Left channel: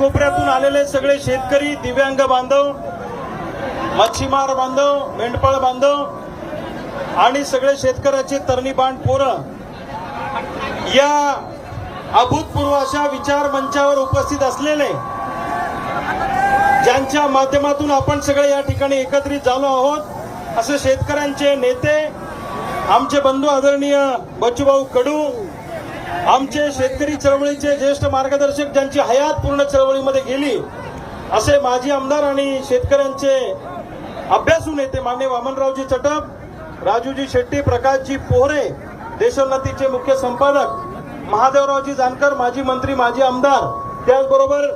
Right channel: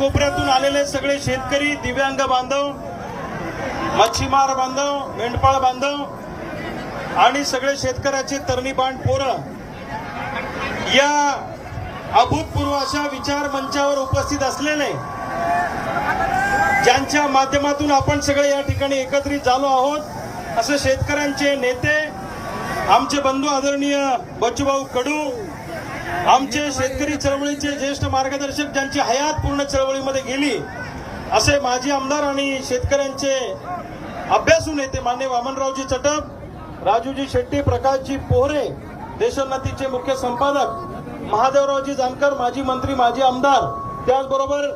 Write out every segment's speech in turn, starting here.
कोपऱ्यातून आलेले सगळे शेतकरी दिव्यांग बांधव मच्छीमार बांधव मेंढपाळ बांधव आणि सगळे शेतकऱ्याचे बांध पोरं या अभूतपूर्व अशा विचार मंचावर उपस्थित असलेले ज्यांच्या माध्यमातून आपण सगळे या ठिकाणी एकत्रित झालो आहोत असे शेतकऱ्यांचे नेते आमचे बंधू आदरणीय बच्चूभाऊ कडू आमचे शेतकरी चळवळीचे ज्येष्ठ मार्गदर्शक ज्यांची हयात पूर्ण चळवळीमध्ये गेली असे माजी आमदार आणि शेतकऱ्यांचे अभ्यासू नेते मान्य वामनरावजी चटप राजूजी शेट्टी प्रकाशजी पोहरे देशोन्नतीचे मुख्य संपादक महादेवरावजी जानकर माजी मंत्री माजी आमदार त्याचबरोबर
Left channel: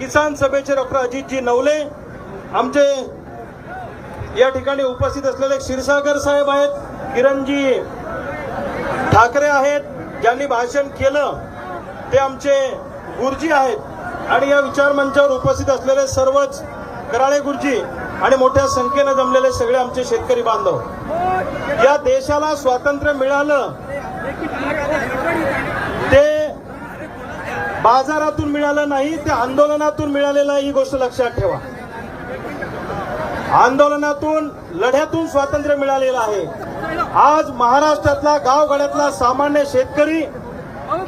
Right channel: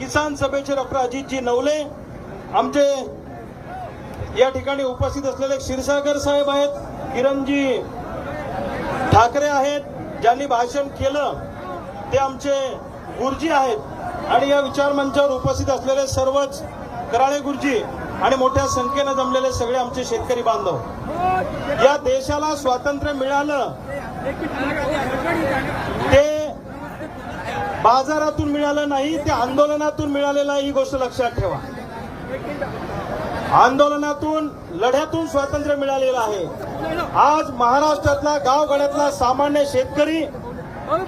किसान सभेचे डॉक्टर अजितजी नवले आमचे या ठिकाणी उपस्थित असलेले क्षीरसागर साहेब आहेत किरणजी ठाकरे आहेत ज्यांनी भाषण केलं ते आमचे गुरुजी आहेत आणि या विचार मंचावर उपस्थित असलेले सर्वच कराळे गुरुजी आणि मोठ्या संख्येनं जमलेले सगळे आमचे शेतकरी बांधव या देशाला स्वातंत्र्य मिळालं ते बाजारातून मिळालं नाही ते आंदोलनातून मिळालेलं ही गोष्ट लक्षात ठेवा आंदोलनातून लढ्यातून स्वातंत्र्य मिळालेलं आहे आज महाराष्ट्रातला गावगाड्यातला सामान्य शेतकरी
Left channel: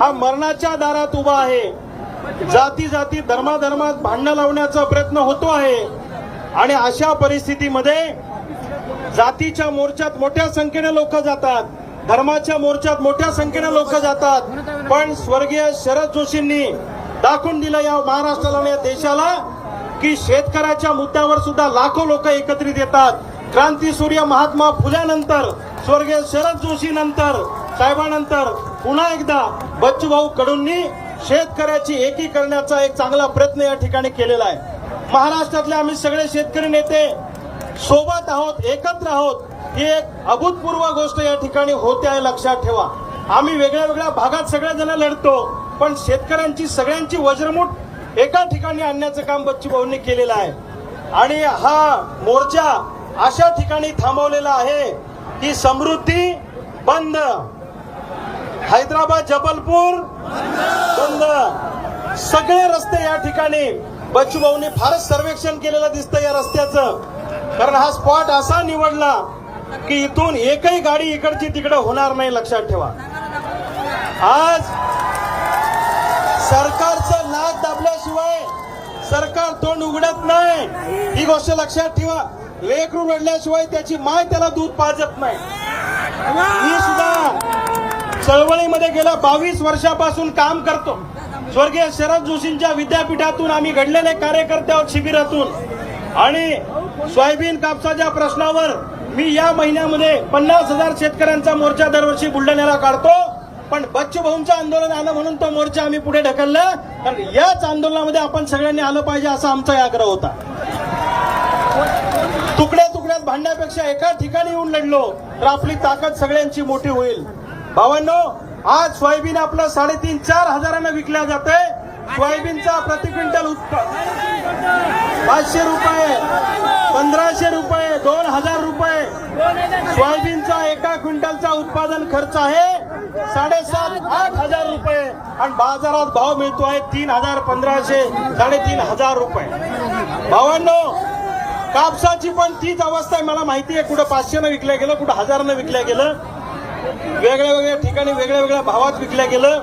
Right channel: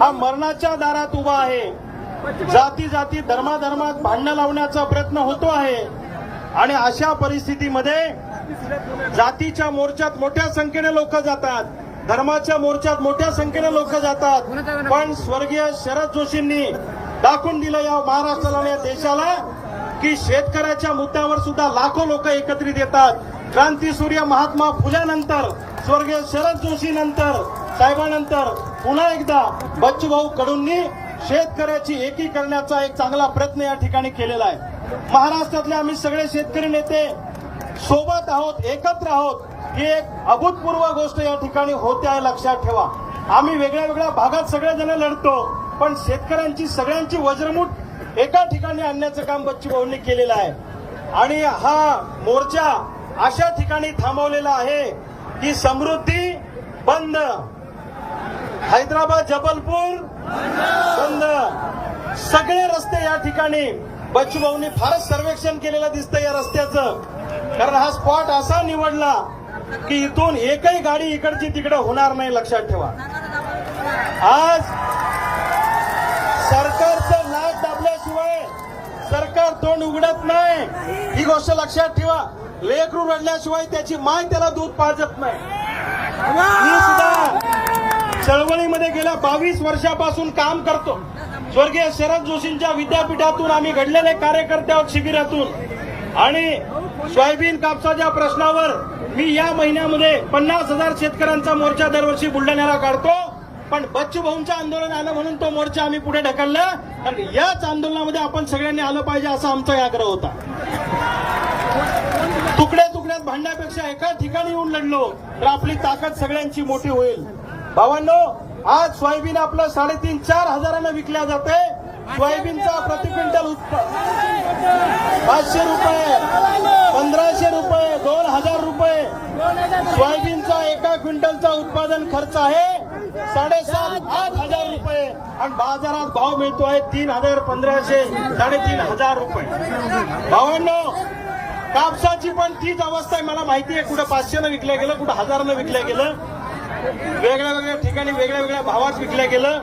हा मरणाच्या दारात उभा आहे जाती जाती धर्माधर्मात भांडणं लावण्याचा प्रयत्न होतो आहे आणि अशा परिस्थितीमध्ये जातीच्या मोर्चात मोठ्या संख्येने लोक जातात धर्माच्या मोर्चात मोठ्या संख्येने लोक जातात पण स्वर्गीय शरद जोशींनी दाखवून दिलं या महाराष्ट्राला या देशाला की शेतकऱ्याच्या मुद्द्यावर सुद्धा लाखो लोक एकत्रित येतात क्रांती सूर्य महात्मा फुल्यानंतर स्वर्गीय शरद जोशी नंतर साहेबानंतर पुन्हा एकदा बच्चूभाऊ कडूंनी शेतकऱ्याची एकी करण्याचा एक चांगला प्रयत्न या ठिकाणी केलेला आहे महाराष्ट्रातले आम्ही सगळे शेतकरी नेते सोबत आहोत एकत्र आहोत ही एक अभूतपूर्व गोष्ट या ठिकाणी होते आहे लक्षात ठेवा आम्ही वेगळ्या वेगळ्या भागात सगळेजण लढतो पण शेतकऱ्यांची सगळ्यांची वज्रमूट एका ठिकाणी आणण्याचं काम बच्चूभाऊंनी केलेलं आहे आणि हा मोर्चा अशा ठिकाणी थांबवलेला आहे की समृद्धी बंद हैदराबाद जबलपूर बंद सगळे रस्ते या ठिकाणी बच्चूभाऊनी फारच सर्वेक्षण केलेलं दिसतं या रस्त्याचं कारण हा स्पॉट असा निवडला की इथून एकही गाडी इकडची तिकडे होणार नाही लक्षात ठेवा आज सरकारचं लाच दाबल्याशिवाय सरकार तोंड उघडत नाही ही गोष्ट लक्षात ठेवा लेकरू रडल्याशिवाय त्याची माय त्याला दूध पाजत नाही मी सुद्धा चळवळीमध्ये गेल्या बावीस वर्षापासून काम करतो स्वर्गीय शरद जोशींच्या विद्यापीठातून आम्ही घडलेले कार्यकर्ते शिबिरातून आणि सोयाबीन कापसाच्या प्रश्नावर मी या महिन्यामध्ये पन्नास हजार शेतकऱ्यांचा मोर्चा दरवर्षी बुलढाण्याला काढतो पण बच्चूभाऊंचं आंदोलन आलं म्हणून तो मोर्चा आम्ही पुढे ढकलला आणि याच आंदोलनामध्ये आपण सगळ्यांनी आलं पाहिजे असा आमचा आग्रह होता तुकड्या तुकड्यात भांडण्यापेक्षा एका ठिकाणी येऊन लढलो तर आपली ताकद सगळ्यांची मोठी होईल भावांनो आज सोयाबीन आपलं साडेतीन चार हजारांना विकल्या जाते सोयाबीनचा प्रति क्विंटल पाचशे रुपये पंधराशे रुपये दोन हजार रुपये सोयाबीनचा एका क्विंटलचा उत्पादन खर्च आहे साडेसात आठ हजार रुपये आणि बाजारात भाव मिळतो आहे तीन हजार पंधराशे साडेतीन हजार रुपये भावांनो कापसाची पण तीच अवस्था आहे मला माहिती आहे कुठं पाचशेनं विकल्या गेलं कुठं हजारनं विकल्या गेलं वेगळ्या वेगळ्या ठिकाणी वेगळ्या वेगळ्या भावात विकल्या गेलं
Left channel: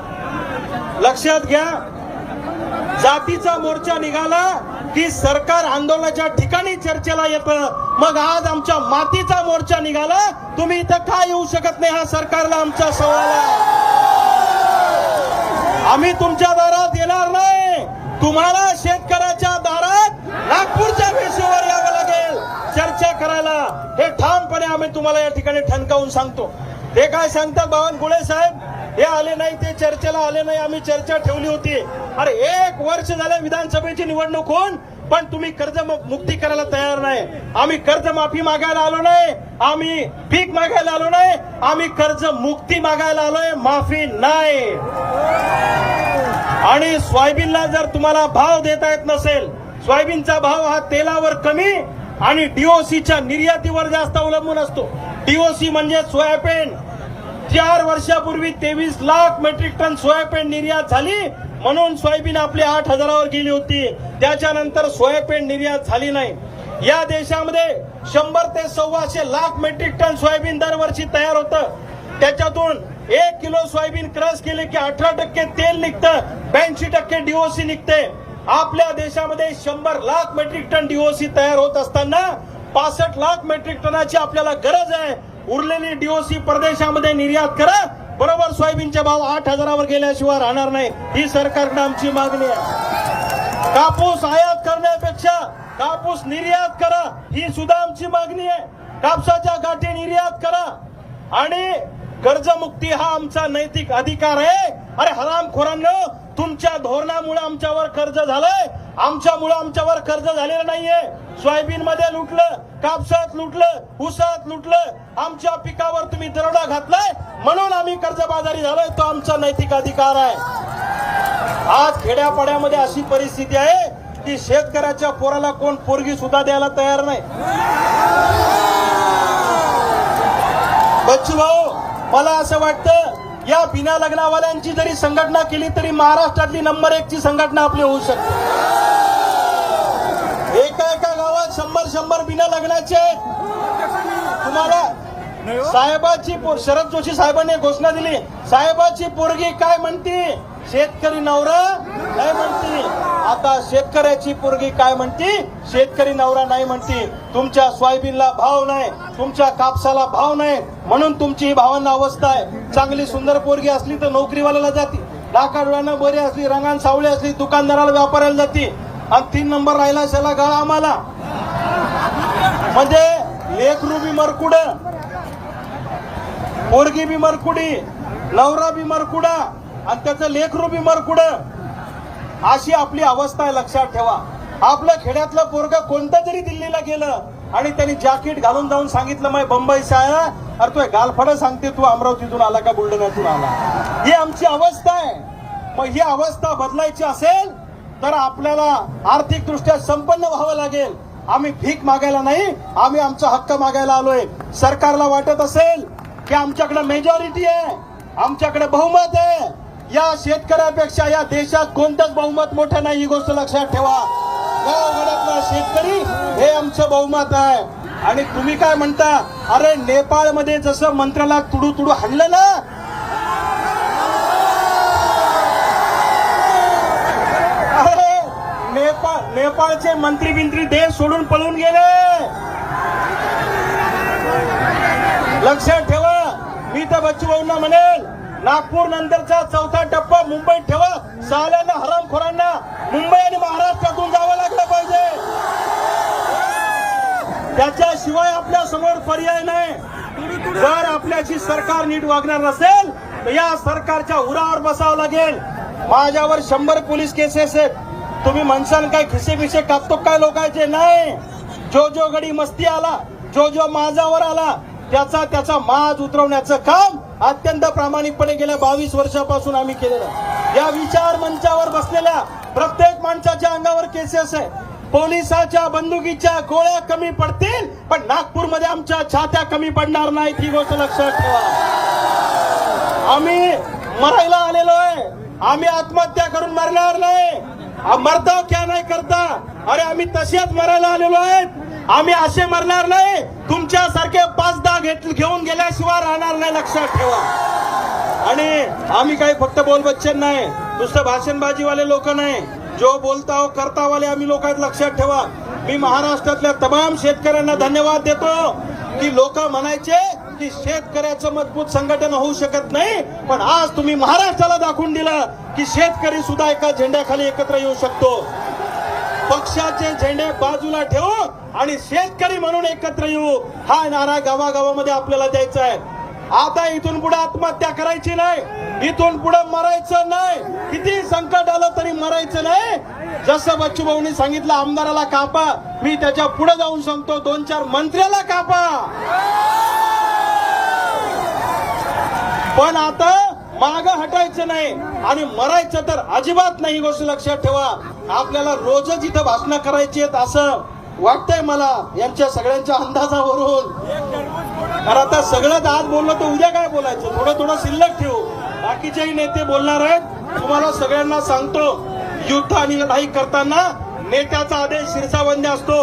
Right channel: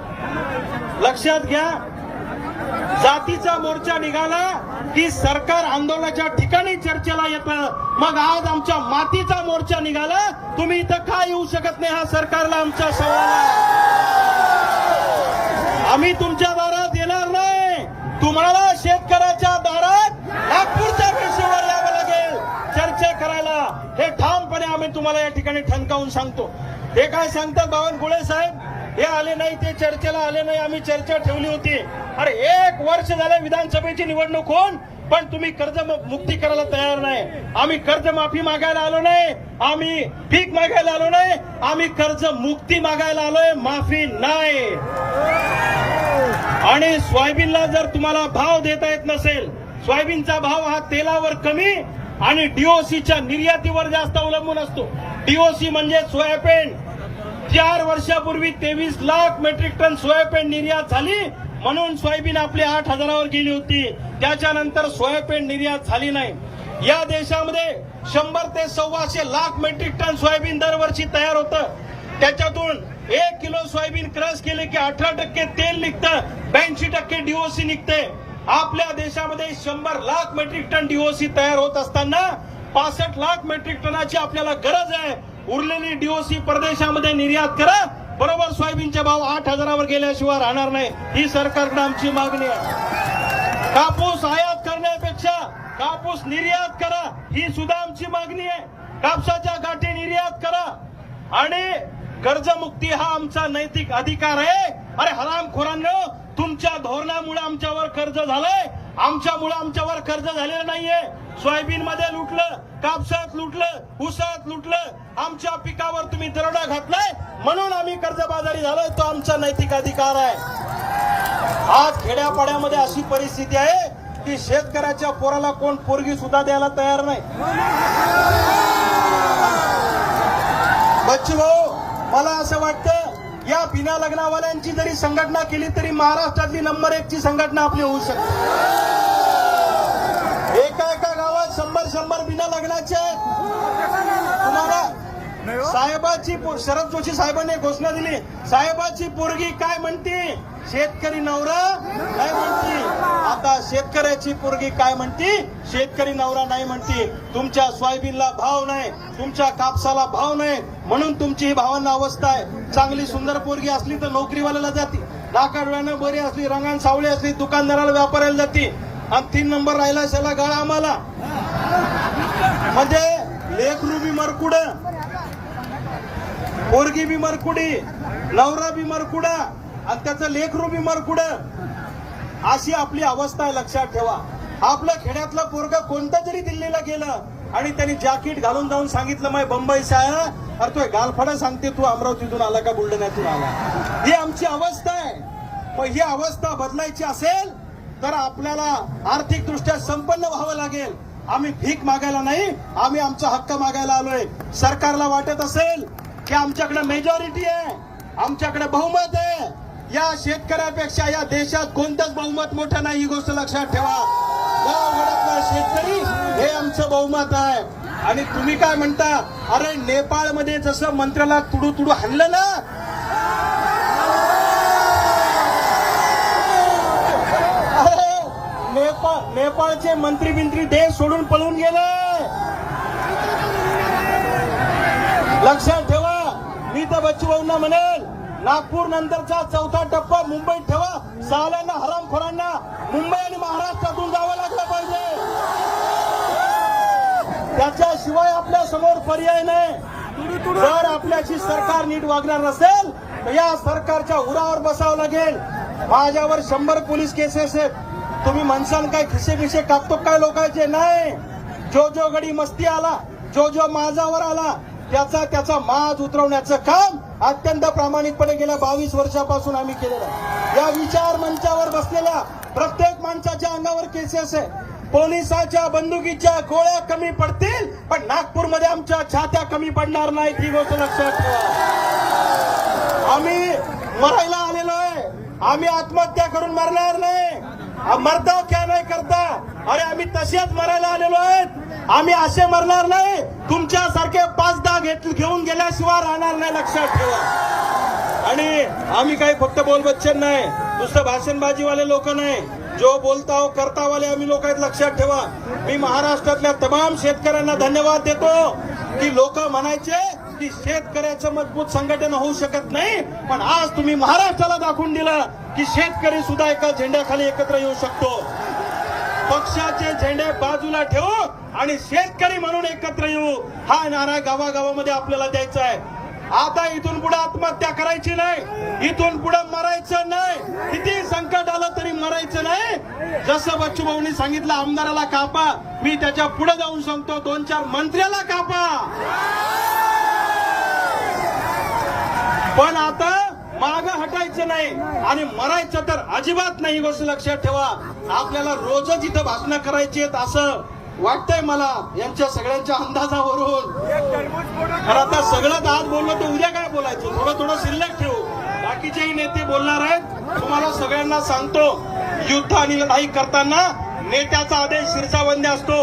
लक्षात घ्या जातीचा मोर्चा निघाला की सरकार आंदोलनाच्या ठिकाणी चर्चेला येतं मग आज आमच्या मातीचा मोर्चा निघाला तुम्ही इथं का येऊ शकत नाही हा सरकारला आमचा सवाल आहे आम्ही तुमच्या दारात येणार नाही तुम्हाला शेतकऱ्याच्या दारात नागपूरच्या मी तुम्हाला या ठिकाणी ठणकावून सांगतो ते काय सांगतात बावनकुळे साहेब हे आले नाही ते चर्चेला आले नाही आम्ही चर्चा ठेवली होती अरे एक वर्ष झालं विधानसभेची निवडणूक होऊन पण तुम्ही कर्ज मुक्ती करायला तयार नाही आम्ही कर्ज माफी मागायला आलो नाही आम्ही पीक मागायला आलो नाही आम्ही कर्ज मुक्ती मागायला आलोय माफी नाही आणि सोयाबीनला जर तुम्हाला भाव देता येत नसेल सोयाबीनचा भाव हा तेलावर कमी आणि डीओसीच्या निर्यातीवर जास्त अवलंबून असतो डीओसी म्हणजे सोयाबीन चार वर्षापूर्वी तेवीस लाख मेट्रिक टन सोयाबीन निर्यात झाली म्हणून सोयाबीन आपली आठ हजारावर गेली होती त्याच्यानंतर सोयाबीन निर्यात झाली नाही या देशामध्ये शंभर ते सव्वाशे लाख मेट्रिक टन सोयाबीन दरवर्षी तयार होतं त्याच्यातून एक किलो सोयाबीन क्रश केले की अठरा टक्के तेल निघतं ब्याऐंशी टक्के डीओसी निघते आपल्या देशामध्ये शंभर लाख मेट्रिक टन डीओसी तयार होत असताना पासष्ट लाख मेट्रिक टनाची आपल्याला गरज आहे उरलेली डीओसी परदेशामध्ये निर्यात करा बरोबर सोयाबीनचे भाव आठ हजारावर गेल्याशिवाय राहणार नाही ही सरकारनं आमची मागणी आहे कापूस आयात करण्यापेक्षा कापूस निर्यात करा ही सुद्धा आमची मागणी आहे कापसाच्या गाठी निर्यात करा आणि कर्जमुक्ती हा आमचा नैतिक अधिकार आहे अरे हरामखोरांना तुमच्या धोरणामुळे आमच्यावर कर्ज झालंय आमच्यामुळे आमच्यावर कर्ज झालेलं नाहीये सोयाबीन मध्ये लुटलं कापसात लुटलं उसात लुटलं आमच्या पिकावर तुम्ही दरोडा घातलाय म्हणून आम्ही कर्जबाजारी झालोय तो आमचा नैतिक अधिकार आहे आज खेड्यापाड्यामध्ये अशी परिस्थिती आहे की शेतकऱ्याच्या पोराला कोण पोरगी सुद्धा द्यायला तयार नाही बच्चू भाऊ मला असं वाटतं या बिना लग्नावाल्यांची जरी संघटना केली तरी महाराष्ट्रातली नंबर एक ची संघटना आपली होऊ शकते एका एका गावात शंभर शंभर बिना लग्नाचे तुम्हाला साहेबाची शरद जोशी साहेबांनी घोषणा दिली साहेबाची पोरगी काय म्हणते शेतकरी नवरा काय म्हणते आता शेतकऱ्याची पोरगी काय म्हणते शेतकरी नवरा नाही म्हणते तुमच्या सोयाबीनला भाव नाही तुमच्या कापसाला भाव नाही म्हणून तुमची ही भावांना अवस्था आहे चांगली सुंदर पोरगी असली तर नोकरीवाल्याला जाते डाकाडोळ्यानं बरी असली रंगान सावळे असली दुकानदाराला व्यापाऱ्याला जाते आणि तीन नंबर राहिला सेला गळा आम्हाला म्हणजे लेखरूबी बी मरकुड पोरगी बी मरकुडी नवरा बी मरकुडा आणि त्याचं लेखरूबी बी मरकुड अशी आपली अवस्था आहे लक्षात ठेवा आपलं खेड्यातलं पोरग कोणतं तरी दिल्लीला गेलं आणि त्यांनी जॅकेट घालून जाऊन सांगितलं माय बंबई साया अरे तो गालफडा सांगते तू अमरावतीतून आला का बुलढाण्यातून आला ही आमची अवस्था आहे मग ही अवस्था बदलायची असेल तर आपल्याला आर्थिकदृष्ट्या संपन्न व्हावं लागेल आम्ही भीक मागायला नाही आम्ही आमचा हक्क मागायला आलोय सरकारला वाटत असेल की आमच्याकडे मेजॉरिटी आहे आमच्याकडे बहुमत आहे या शेतकऱ्यापेक्षा या देशात कोणतंच बहुमत मोठं नाही ही गोष्ट लक्षात ठेवा शेतकरी हे आमचं बहुमत आहे आणि तुम्ही काय म्हणता अरे नेपाळमध्ये जसं मंत्र्याला तुडू तुडू हल्लं ना नेपाळचे मंत्री बिंत्री देश सोडून पळून गेले लक्षात ठेवा मी तर बच्चू म्हणेल नागपूर नंतरचा चौथा टप्पा मुंबईत ठेवा साल्यानं हरामखोरांना मुंबई आणि महाराष्ट्र त्याच्याशिवाय आपल्या समोर पर्याय नाही जर आपल्याची सरकार नीट वागणार नसेल तर या सरकारच्या उरावर बसावं लागेल माझ्यावर शंभर पोलीस केसेस आहेत तुम्ही म्हणसान काय खिसे खिसे कापतो काय लोकांचे नाही जो जो घडी मस्ती आला जो जो माझावर आला त्याचा त्याचा माज उतरवण्याचं काम अत्यंत प्रामाणिकपणे गेल्या बावीस वर्षापासून आम्ही केलेलं या विचार मंचावर बसलेल्या प्रत्येक माणसाच्या अंगावर केसेस आहे पोलिसाच्या बंदुकीच्या गोळ्या कमी पडतील पण नागपूरमध्ये आमच्या छात्या कमी पडणार नाहीत ही गोष्ट लक्षात ठेवा आम्ही मरायला आलेलो आहे आम्ही आत्महत्या करून मरणार नाही मरता क्या नाही करता अरे आम्ही तसेच मरायला आलेलो आहे आम्ही असे मरणार नाही तुमच्यासारखे पाच दहा घेत घेऊन गेल्याशिवाय राहणार नाही लक्षात ठेवा आणि आम्ही काही फक्त बोलबच्चन नाही दुसरं भाषणबाजीवाले लोक नाही जो बोलता हो करता वाले आम्ही लोक लक्षात ठेवा मी महाराष्ट्रातल्या तमाम शेतकऱ्यांना धन्यवाद देतो की लोक म्हणायचे की शेतकऱ्याचं मजबूत संघटन होऊ शकत नाही पण आज तुम्ही महाराष्ट्राला दाखवून दिलं की शेतकरी सुद्धा एका झेंड्याखाली एकत्र येऊ शकतो पक्षाचे झेंडे बाजूला ठेवू आणि शेतकरी म्हणून एकत्र येऊ हा नारा गावागावामध्ये आपल्याला द्यायचा आहे आता इथून पुढे आत्महत्या करायची नाही इथून पुढे मरायचं नाही किती संकट आलं तरी मरायचं नाही जसं बच्चूभाऊनी सांगितलं आमदाराला कापा मी त्याच्या पुढे जाऊन सांगतो दोन चार मंत्र्याला कापा पण आता माग हटायचं नाही आणि मरायचं तर अजिबात नाही गोष्ट लक्षात ठेवा आपल्याला रोजच इथं भाषणं करायची आहेत असं वाटतंय मला यांच्या सगळ्यांच्या अंदाजावरून तर आता सगळ्यात आज बोललो तर उद्या काय बोलायचं थोडं थोडं शिल्लक ठेवू बाकीचेही नेते बोलणार आहेत तुम्हाला सगळ्यांना सांगतो युद्ध आणि लढाई करताना नेत्याचा आदेश शिरसावंद असतो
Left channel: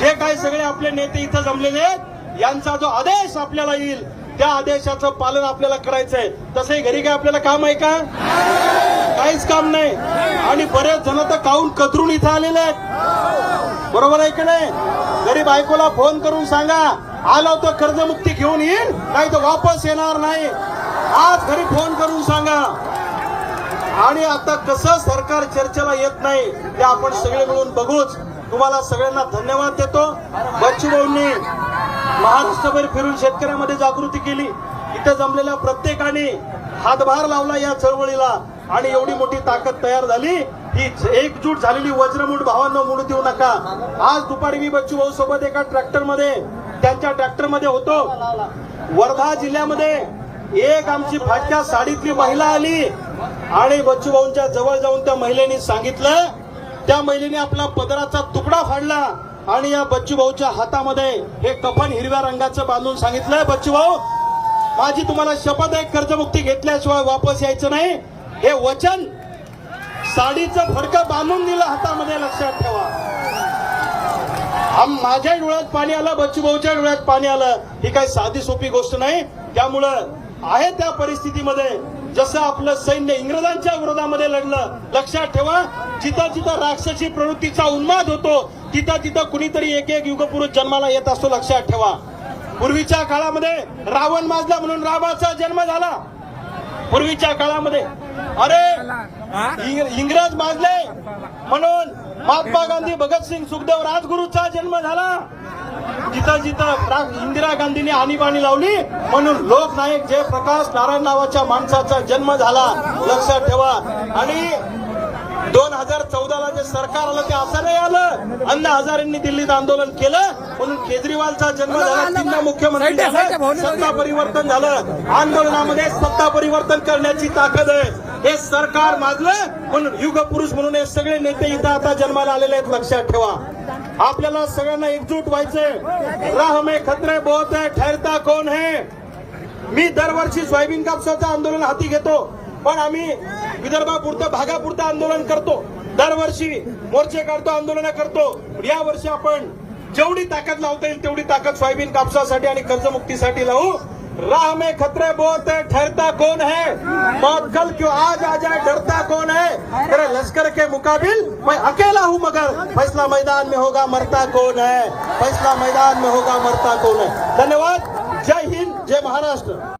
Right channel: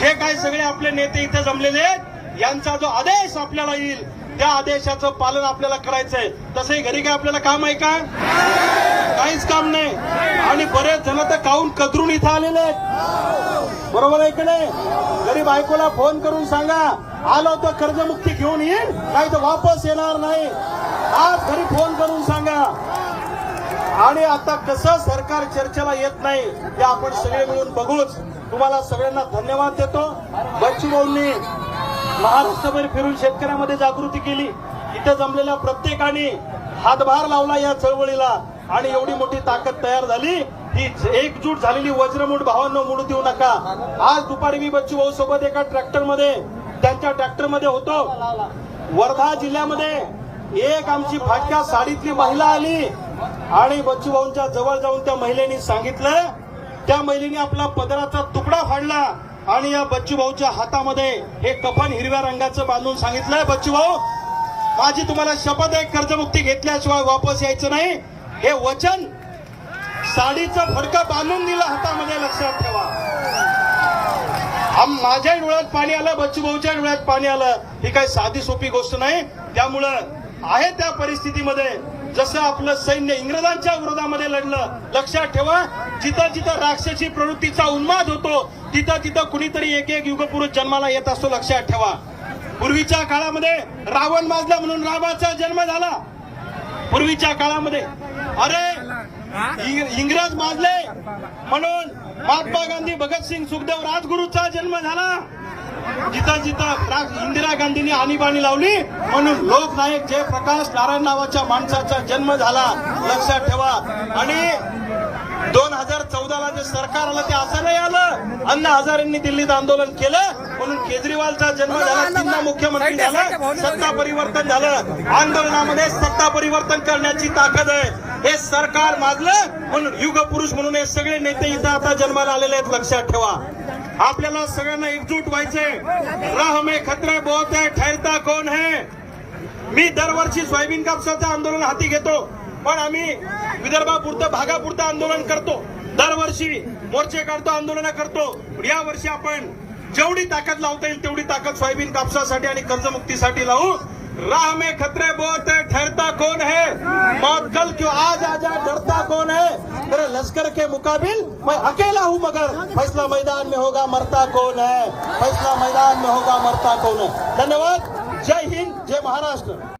जे काही सगळे आपले नेते इथे जमलेले आहेत यांचा जो आदेश आपल्याला येईल त्या आदेशाचं पालन आपल्याला करायचंय तसंही घरी काय आपल्याला काम आहे का काहीच काम नाही आणि बरेच जण तर काऊन कदरून इथे आलेले आहेत बरोबर आहे की नाही घरी बायकोला फोन करून सांगा आलो तर कर्जमुक्ती घेऊन येईल नाही तर वापस येणार नाही आज घरी फोन करून सांगा आणि आता कसं सरकार चर्चेला येत नाही हे आपण सगळे मिळून बघूच तुम्हाला सगळ्यांना धन्यवाद देतो बच्चूभाऊंनी महाराष्ट्रभर फिरून शेतकऱ्यांमध्ये जागृती केली इथं जमलेल्या प्रत्येकाने हातभार लावला या चळवळीला आणि एवढी मोठी ताकद तयार झाली ही एकजूट झालेली वज्रमूठ भावांना मुडू देऊ नका आज दुपारी मी बच्चू भाऊ सोबत एका ट्रॅक्टरमध्ये त्यांच्या ट्रॅक्टरमध्ये होतो वर्धा जिल्ह्यामध्ये एक आमची फाटक्या साडीतली महिला आली आणि बच्चूभाऊंच्या जवळ जाऊन त्या महिलेने सांगितलं त्या महिलेने आपला पदराचा तुकडा फाडला आणि या बच्चूभाऊच्या हातामध्ये हे कफन हिरव्या रंगाचं बांधून सांगितलं बच्चूभाऊ माझी तुम्हाला शपथ आहे कर्जमुक्ती घेतल्याशिवाय वापस यायचं नाही हे वचन साडीचा फडका बांधून दिलं हातामध्ये लक्षात ठेवा माझ्या डोळ्यात पाणी आलं बच्चूभाऊच्या डोळ्यात पाणी आलं ही काही साधी सोपी गोष्ट नाही त्यामुळं आहे त्या परिस्थितीमध्ये जसं आपलं सैन्य इंग्रजांच्या विरोधामध्ये लढलं लक्षात ठेवा जिथं जिथं राक्षसी प्रवृत्तीचा उन्माद होतो तिथं तिथं कुणीतरी एक एक युगपुरुष जन्माला येत असतो लक्षात ठेवा पूर्वीच्या काळामध्ये रावण माजला म्हणून रामाचा जन्म झाला पूर्वीच्या काळामध्ये अरे इंग्रज माजले म्हणून महात्मा गांधी भगतसिंग सुखदेव राजगुरूचा जन्म झाला जिथं जिथं इंदिरा गांधींनी आणीबाणी लावली म्हणून लोकनायक जयप्रकाश नारायण नावाच्या माणसाचा जन्म झाला लक्षात ठेवा आणि दोन हजार ला जे सरकार आलं ते असं नाही आलं अण्णा हजारेंनी दिल्लीत आंदोलन केलं म्हणून केजरीवालचा जन्म झाला त्यांना मुख्यमंत्री झालं सत्ता परिवर्तन झालं आंदोलनामध्ये सत्ता परिवर्तन करण्याची ताकद आहे हे सरकार मागलं म्हणून युग म्हणून हे सगळे नेते इथं आता जन्माला आलेले आहेत लक्षात ठेवा आपल्याला सगळ्यांना एकजूट व्हायचंय राहमे खतरे बहुत आहे ठरता कोण है मी दरवर्षी सोयाबीन कापसाचं आंदोलन हाती घेतो पण आम्ही विदर्भापुरतं भागापुरतं आंदोलन करतो दरवर्षी मोर्चे काढतो आंदोलन करतो या वर्षी आपण जेवढी ताकद लावता येईल तेवढी ताकद सोयाबीन कापसासाठी आणि कर्जमुक्तीसाठी लावू राह में खतरे बहुत है ठहरता कौन है मौत कल क्यों आज आ जाए डरता कौन है तेरे लश्कर के मुकाबिल मैं अकेला हूँ मगर फैसला मैदान में होगा मरता कौन है फैसला मैदान में होगा मरता कौन है धन्यवाद जय हिंद जय महाराष्ट्र